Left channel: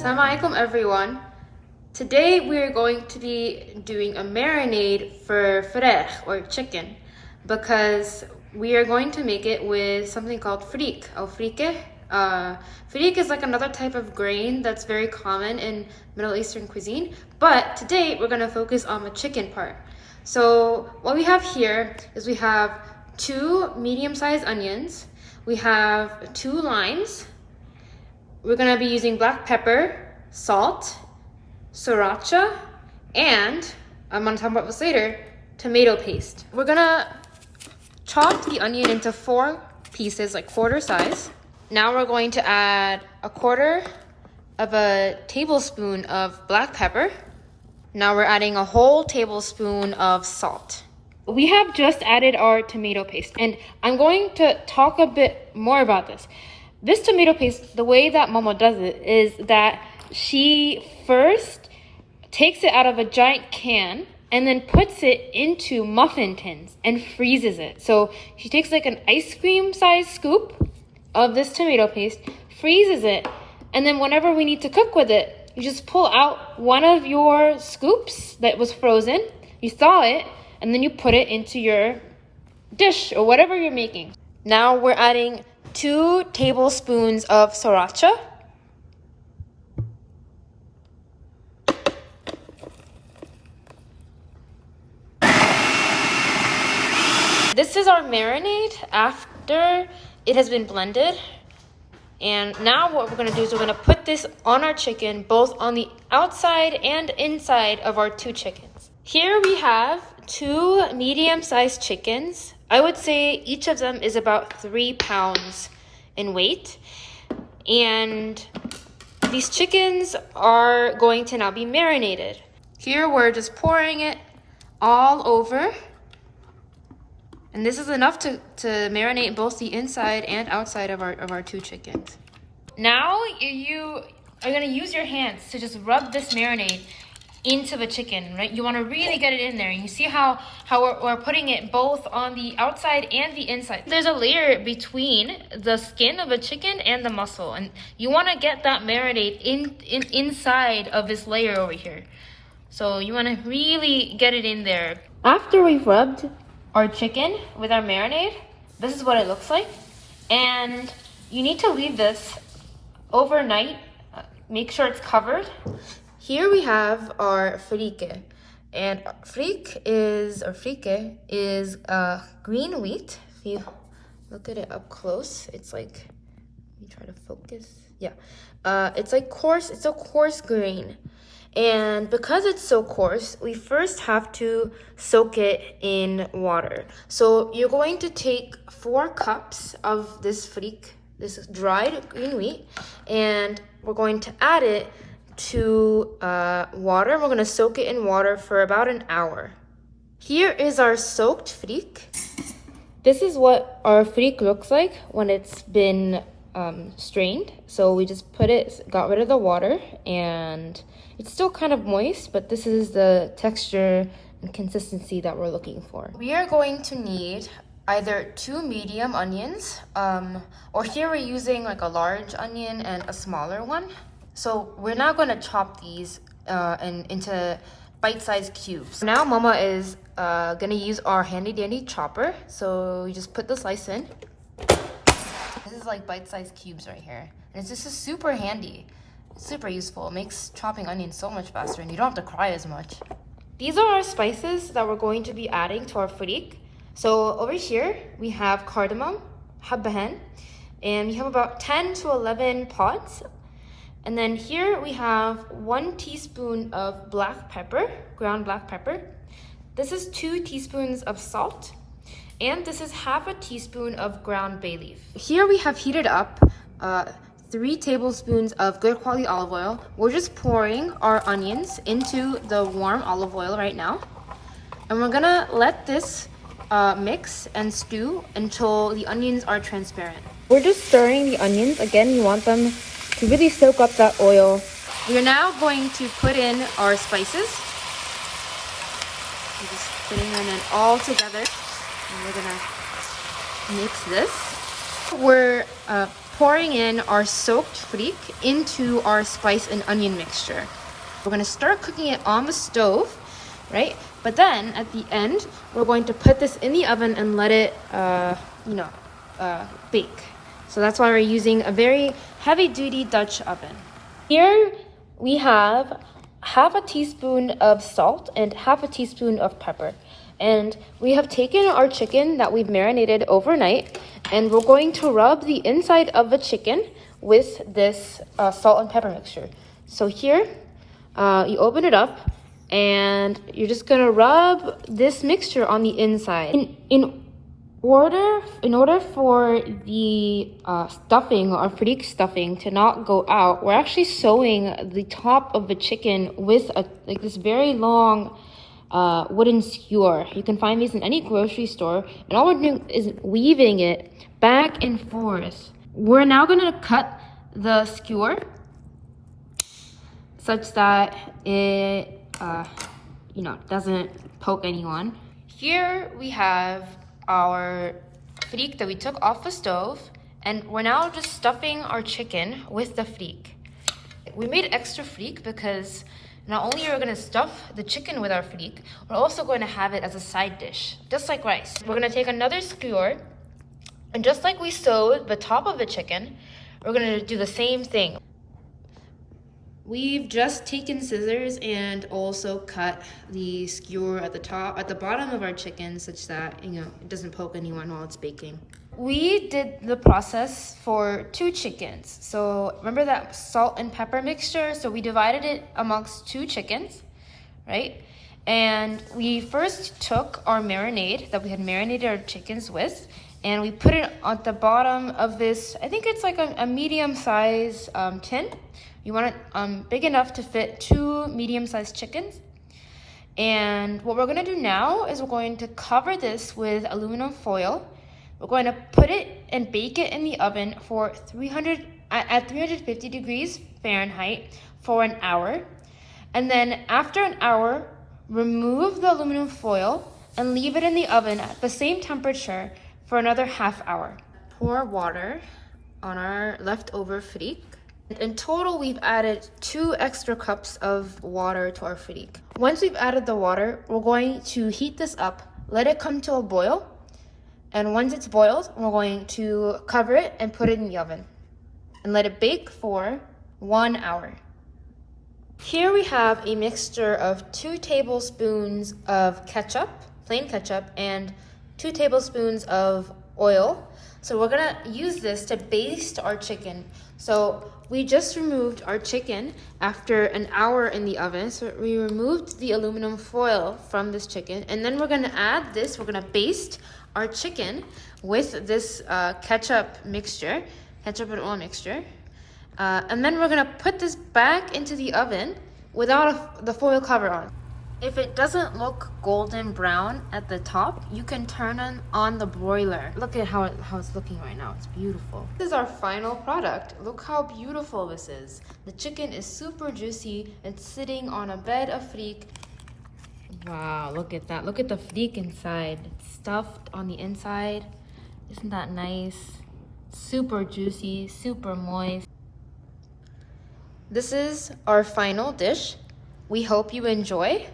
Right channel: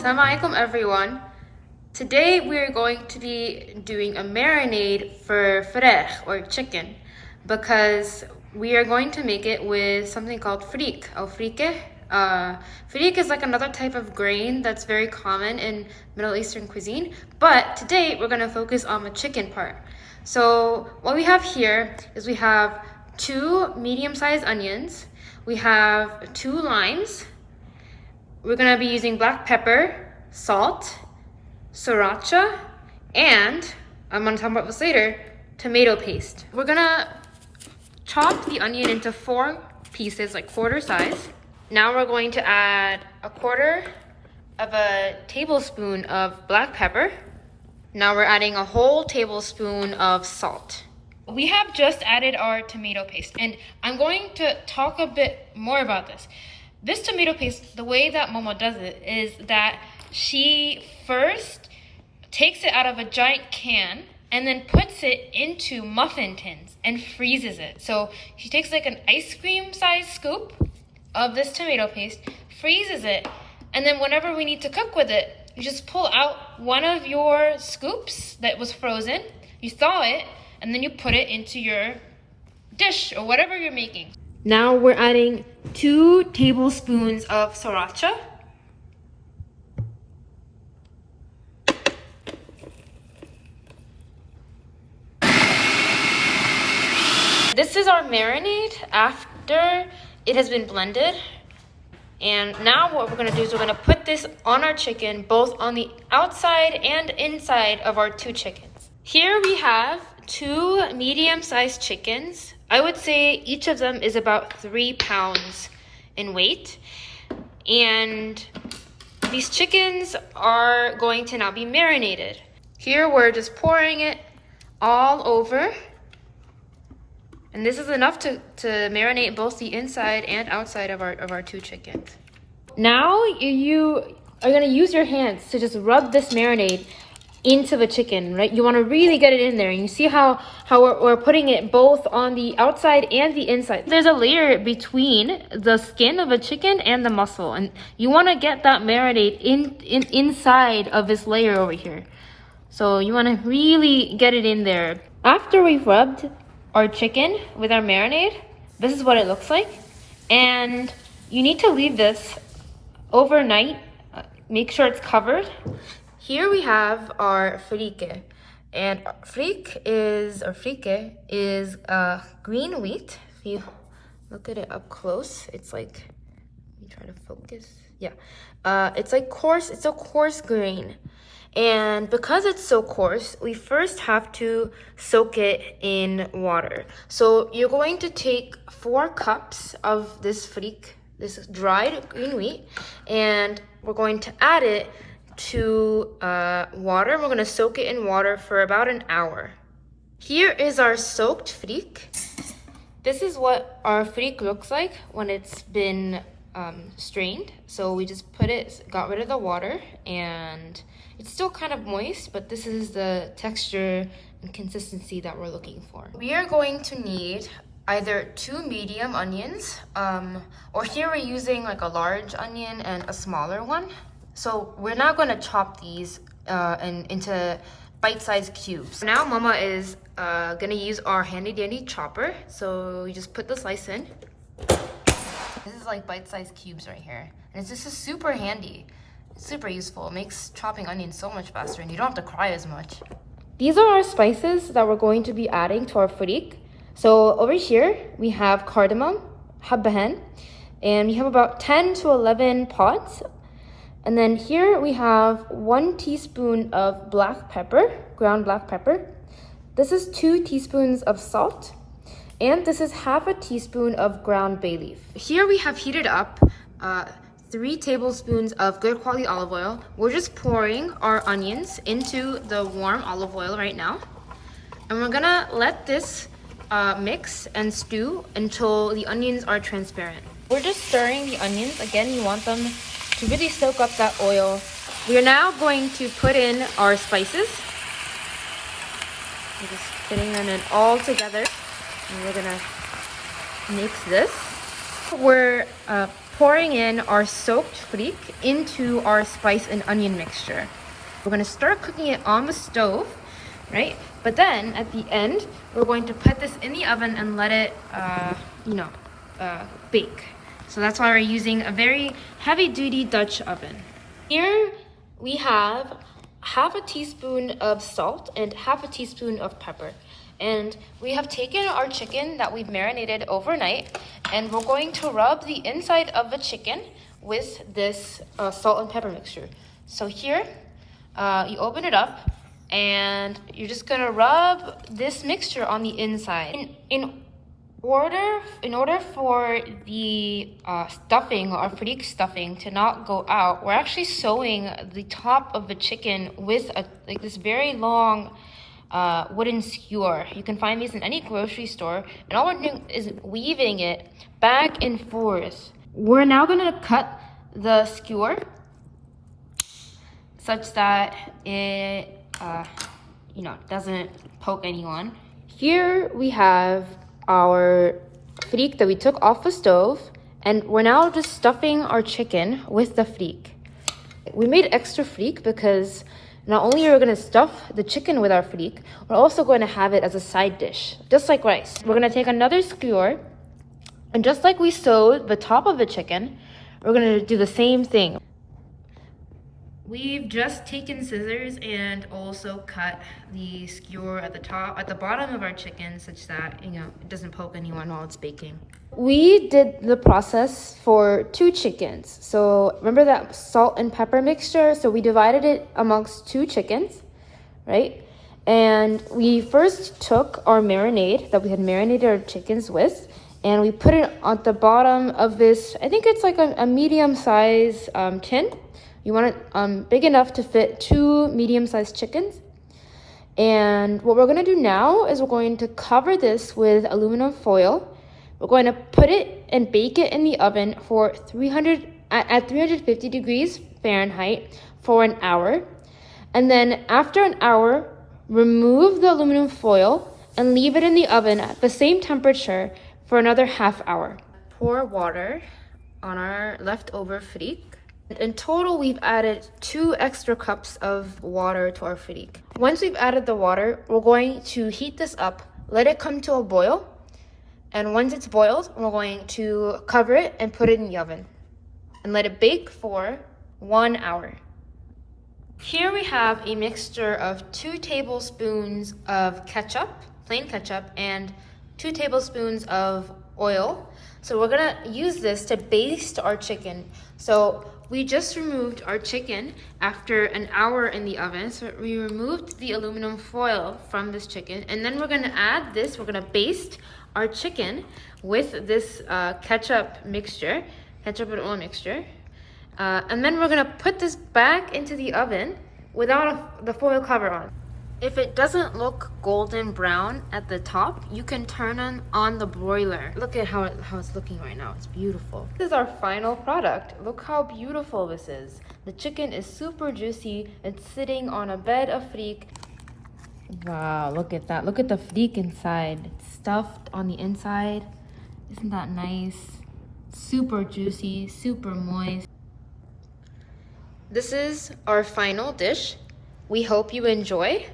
Assalamu alaikum everyone. Today we are going to be doing a marinade for فراخ or chicken because we are going to make it with something called فريك or Freekeh. Freek is like another type of grain that's very common in Middle Eastern cuisine, but today we're going to focus on the chicken part. So what we have here is we have 2 medium-sized onions, we have 2 limes. We're gonna be using black pepper, salt, Sriracha, and I'm gonna talk about this later, tomato paste. We're gonna chop the onion into 4 pieces, like quarter size. Now we're going to add 1/4 of a tablespoon of black pepper. Now we're adding a whole tablespoon of salt. We have just added our tomato paste, and I'm going to talk a bit more about this. This tomato paste, the way that Momo does it is that she first takes it out of a giant can and then puts it into muffin tins and freezes it. So she takes like an ice cream size scoop of this tomato paste, freezes it, and then whenever we need to cook with it, you just pull out one of your scoops that was frozen, you thaw it, and then you put it into your dish or whatever you're making. Now we're adding 2 tablespoons of Sriracha. This is our marinade after it has been blended. And now what we're gonna do is we're gonna put this on our chicken, both on the outside and inside of our 2 chickens. Here we have 2 medium-sized chickens. I would say each of them is about 3 pounds in weight. And these chickens are going to now be marinated. Here we're just pouring it all over. And this is enough to marinate both the inside and outside of our 2 chickens. Now you are gonna use your hands to just rub this marinade into the chicken, right? You want to really get it in there, and you see how we're putting it both on the outside and the inside. There's a layer between the skin of the chicken and the muscle, and you want to get that marinade inside of this layer over here. So you want to really get it in there. After we've rubbed our chicken with our marinade, this is what it looks like, and you need to leave this overnight. Make sure it's covered. Here we have our Freekeh, and Freekeh is green wheat. If you look at it up close, it's like, let me try to focus. Yeah, it's like coarse. It's a coarse grain, and because it's so coarse, we first have to soak it in water. So you're going to take 4 cups of this Freek, this dried green wheat, and we're going to add it to water. We're going to soak it in water for about an hour. Here is our soaked Freek. This is what our Freek looks like when it's been strained. So we just got rid of the water, and it's still kind of moist, but this is the texture and consistency that we're looking for. We are going to need either 2 medium onions, or here we're using like a large onion and a smaller one. So we're now going to chop these into bite-sized cubes. Now Mama is going to use our handy-dandy chopper. So you just put the slice in. This is like bite-sized cubes right here. And this is super handy. It's super useful. It makes chopping onions so much faster, and you don't have to cry as much. These are our spices that we're going to be adding to our Freek. So over here we have cardamom, habbahan, and we have about 10 to 11 pods. And then here we have 1 teaspoon of black pepper, ground black pepper. This is 2 teaspoons of salt. And this is half a teaspoon of ground bay leaf. Here we have heated up 3 tablespoons of good quality olive oil. We're just pouring our onions into the warm olive oil right now. And we're gonna let this mix and stew until the onions are transparent. We're just stirring the onions. Again, you want them to really soak up that oil. We are now going to put in our spices. We're just putting them in all together. And we're gonna mix this. We're pouring in our soaked freak into our spice and onion mixture. We're gonna start cooking it on the stove, right? But then at the end, we're going to put this in the oven and let it, bake. So that's why we're using a very heavy-duty Dutch oven. Here we have half a teaspoon of salt and half a teaspoon of pepper. And we have taken our chicken that we've marinated overnight, and we're going to rub the inside of the chicken with this salt and pepper mixture. So here, you open it up, and you're just gonna rub this mixture on the inside. In order for the stuffing or Freek stuffing to not go out, we're actually sewing the top of the chicken with this very long wooden skewer. You can find these in any grocery store, and all we're doing is weaving it back and forth. We're now gonna cut the skewer such that it doesn't poke anyone. Here we have our freek that we took off the stove, and we're now just stuffing our chicken with the freek. We made extra freek because not only are we going to stuff the chicken with our freek, we're also going to have it as a side dish, just like rice. We're going to take another skewer, and just like we sewed the top of the chicken, we're going to do the same thing. We've just taken scissors and also cut the skewer at the bottom of our chicken such that, it doesn't poke anyone while it's baking. We did the process for 2 chickens. So remember that salt and pepper mixture? So we divided it amongst 2 chickens, right? And we first took our marinade that we had marinated our chickens with, and we put it on the bottom of this, I think it's like a medium-sized tin. You want it big enough to fit 2 medium-sized chickens. And what we're going to do now is we're going to cover this with aluminum foil. We're going to put it and bake it in the oven for 350 degrees Fahrenheit for an hour. And then after an hour, remove the aluminum foil and leave it in the oven at the same temperature for another half hour. Pour water on our leftover freek. In total, we've added 2 extra cups of water to our freek. Once we've added the water, we're going to heat this up, let it come to a boil, and once it's boiled, we're going to cover it and put it in the oven and let it bake for 1 hour. Here we have a mixture of 2 tablespoons of ketchup, plain ketchup, and 2 tablespoons of oil. So we're gonna use this to baste our chicken. So we just removed our chicken after an hour in the oven. So we removed the aluminum foil from this chicken, and then we're gonna add this, we're gonna baste our chicken with this ketchup and oil mixture. And then we're gonna put this back into the oven without the foil cover on. If it doesn't look golden brown at the top, you can turn on the broiler. Look at how it's looking right now. It's beautiful. This is our final product. Look how beautiful this is. The chicken is super juicy. It's sitting on a bed of freek. Wow, look at that. Look at the freek inside. It's stuffed on the inside. Isn't that nice? Super juicy, super moist. This is our final dish. We hope you enjoy.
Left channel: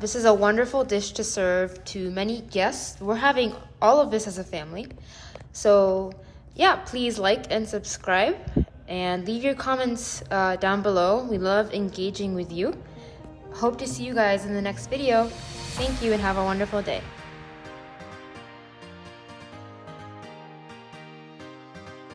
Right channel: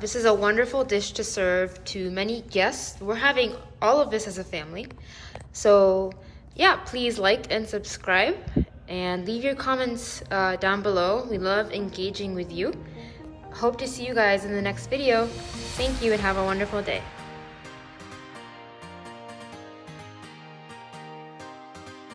This is a wonderful dish to serve to many guests. We're having all of this as a family. So yeah, please like and subscribe and leave your comments down below. We love engaging with you. Hope to see you guys in the next video. Thank you and have a wonderful day.